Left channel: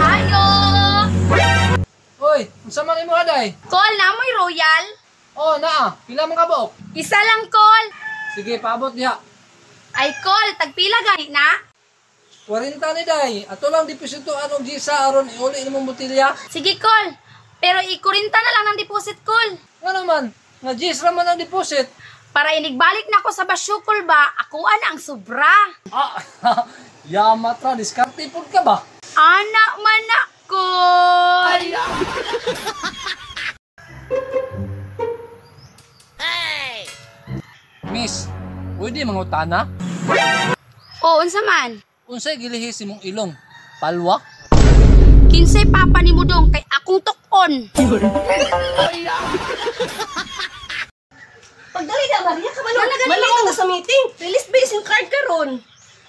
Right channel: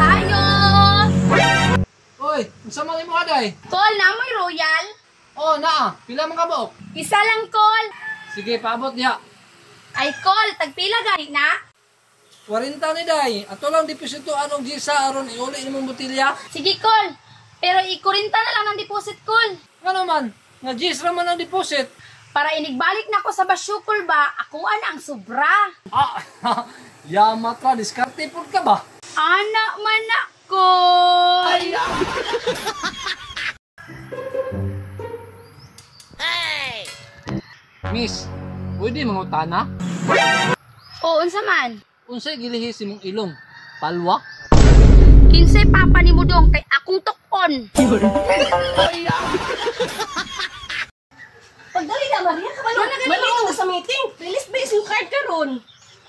Ayo! Oy, unsa man imo aday? Call na mo'y royal? Oh, naa. Pila man ka buok? Isa lang call. Sige, paabot diha. Ay call, tagpila gani na? 40 ni day. Ato lang deposito anong gisa aron iuli imong botilya. Sige call. Pero ikurinta na lang ng deposit call. Nga naman, nga gis ra man ang deposit. Para inigbalik na ako sa basyukol ba, ako ang sobra. Ah, yama tra, diskarte pud ka ba? Anak man ako. Miss, pwede mangutana? Oo, unsa man? Unsay gilihis imong ilong? Palwa? Kinsay papa ni mo dong kay akong tukon. Pagdali na, Maria, malito na sa meeting. Release ba yung card ka ron?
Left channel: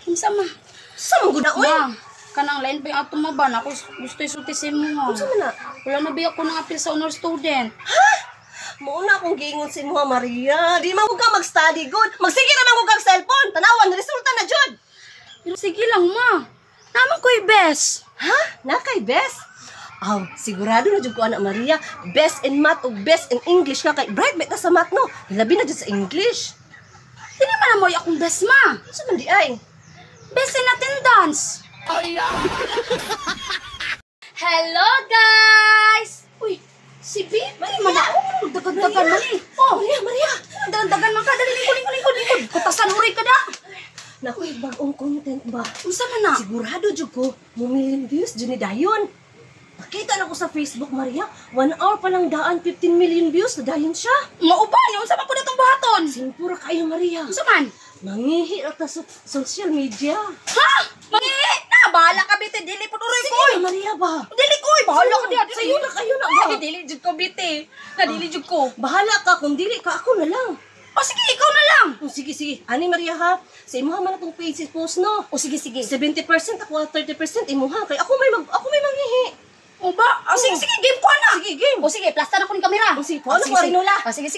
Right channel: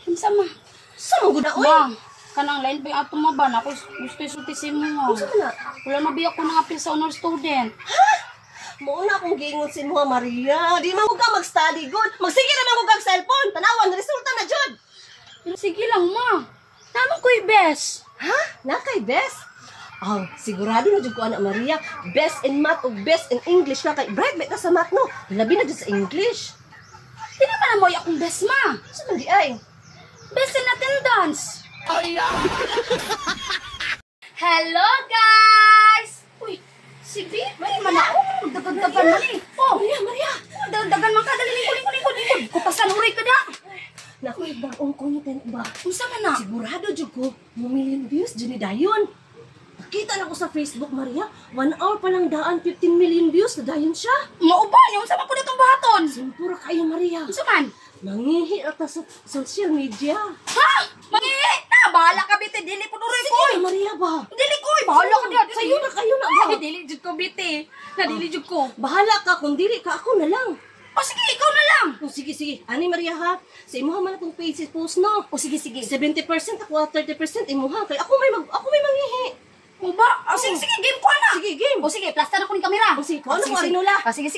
Unsa man? Saan mo guna, uy? Ma, kanang lain pa yung atong maban. Ako gusto isultisin mo nga. Saan mo na? Wala na biya ko ng apil sa honor student. Muna akong giingon si mo, Maria. Di man ko ka mag-study good. Magsige naman ko kang cellphone. Tanawan, resulta na, Jud. Pero sige lang, ma. Naman ko yung best. Ha? Nakay best? Sigurado na dyan ko, anak Maria. Best in math o best in English nga kay bright ba ito sa math, no? Labi na dyan sa English. Hindi naman na mo akong best, ma. Saan man di ay? Best in attendance. Hello, guys! Uy, si Bibi man ako. Dagan-dagan man eh. Oh, Maria! dagan-dagan man ka. Dali, likod. Kutasan huray ka na. Naku, bagong content ba? Unsa man na? Sigurado dyan ko, million views dyan ni Dayon. Nakita na ko sa Facebook, Maria. 1 hour pa lang daan, 15 million views na Dayon siya. Mauba niya. Unsa man ko na itong buhaton? Simpura kayo, Maria. Unsa man? Mangihi at sa social media. Ha? Mangihi na. Bahala ka, Biti. Dili po nuroy ko. Sige, Maria ba? Dili ko. Bahala ka diyan. Sa'yo na kayo na ba? Ay, dili jud ko, Biti. Dili jud ko. Bahala ka, kung dili ka, ako na lang. O sige, ikaw na lang. Oh, sige. Ani, Maria, ha? Sa imuha man akong page post, no? O sige. 70% ako, 30% imuha. Kaya ako may manghihi. O ba? O sige, game ko na. Sige, game. O sige, plasta na ko ng kamera. O sige, paano ko rin nula? O sige.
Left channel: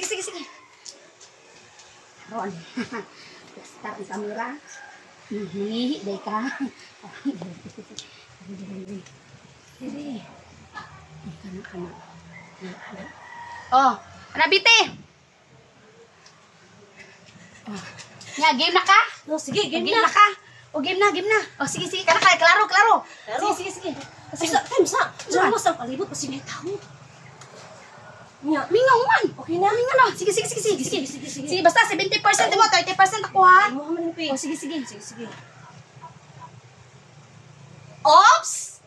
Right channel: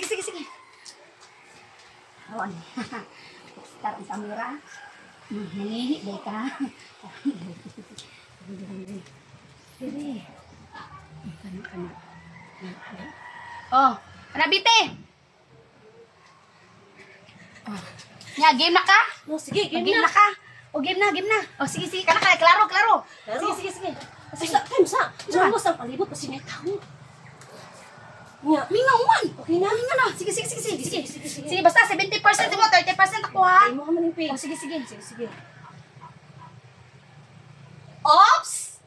Ron. Start ang kamera. Nangihi, day ka. Sige. Kana. Oh, ana Biti. Oh. Nya, game na ka? No, sige, game Game na. na ka? O game na. O sige, kana ka. Klaro. Sige. Sa time sa. Diyan mo sa palibot kasi may tao. Nya, Mingaw man. okay na. Mingaw na. Sige. Sige, basta 70% mo, 30% ako ha. Imuha man yung page. O sige. Sige. Ops!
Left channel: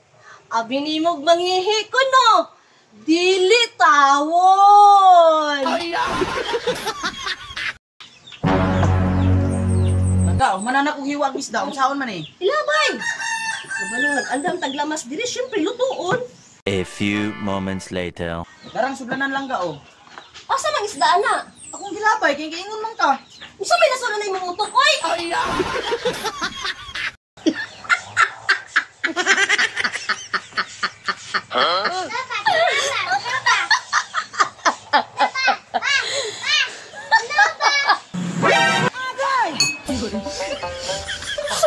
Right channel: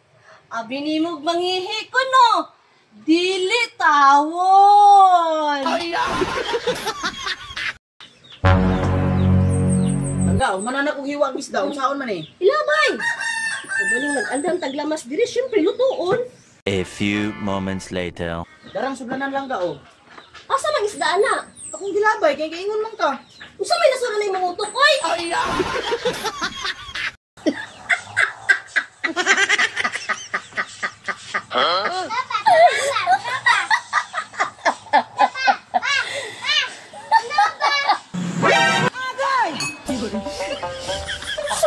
Abi ni mo manghihi ko, no? Dili tawon! Langga, manana kong hiwag isda, unsaon man eh. Ilabay! Kabalong nag-andam taglamas diri, syempre lutuon. A few moments later. Darang sudlanan langga oh. Asa mang isda na? Akong gilabay, kay giingon man ka. Usa may nasura na yung utok, oy!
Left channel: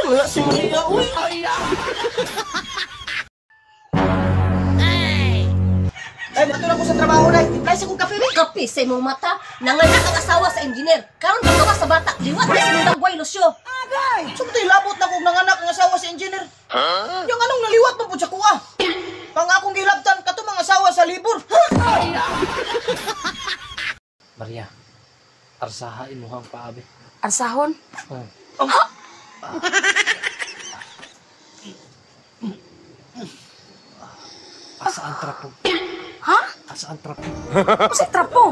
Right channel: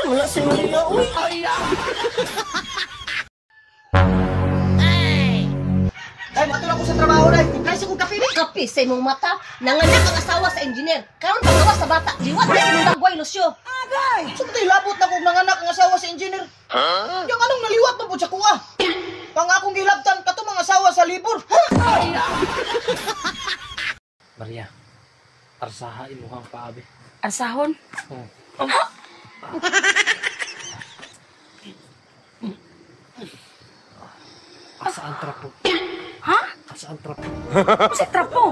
Wala si Maria, uy! Ay, natulak ko sa trabaho na. Imply sa kong kape, kape sa imong mata. Nanganak ang asawa sa engineer. Karon pagawa sa bata, liwat na sa mong dagway, Lucio. Agay! So ito'y labot na kong nanganak ang asawa sa engineer. Yung anong naliwat mo po sa kuha? Pang akong gilabtan, kato mga asawa sa libur. Maria, arsaha imuhang paabi. Arsahon? Asa ang trapo? Ha? Asa ang trapo? Kasi trapo.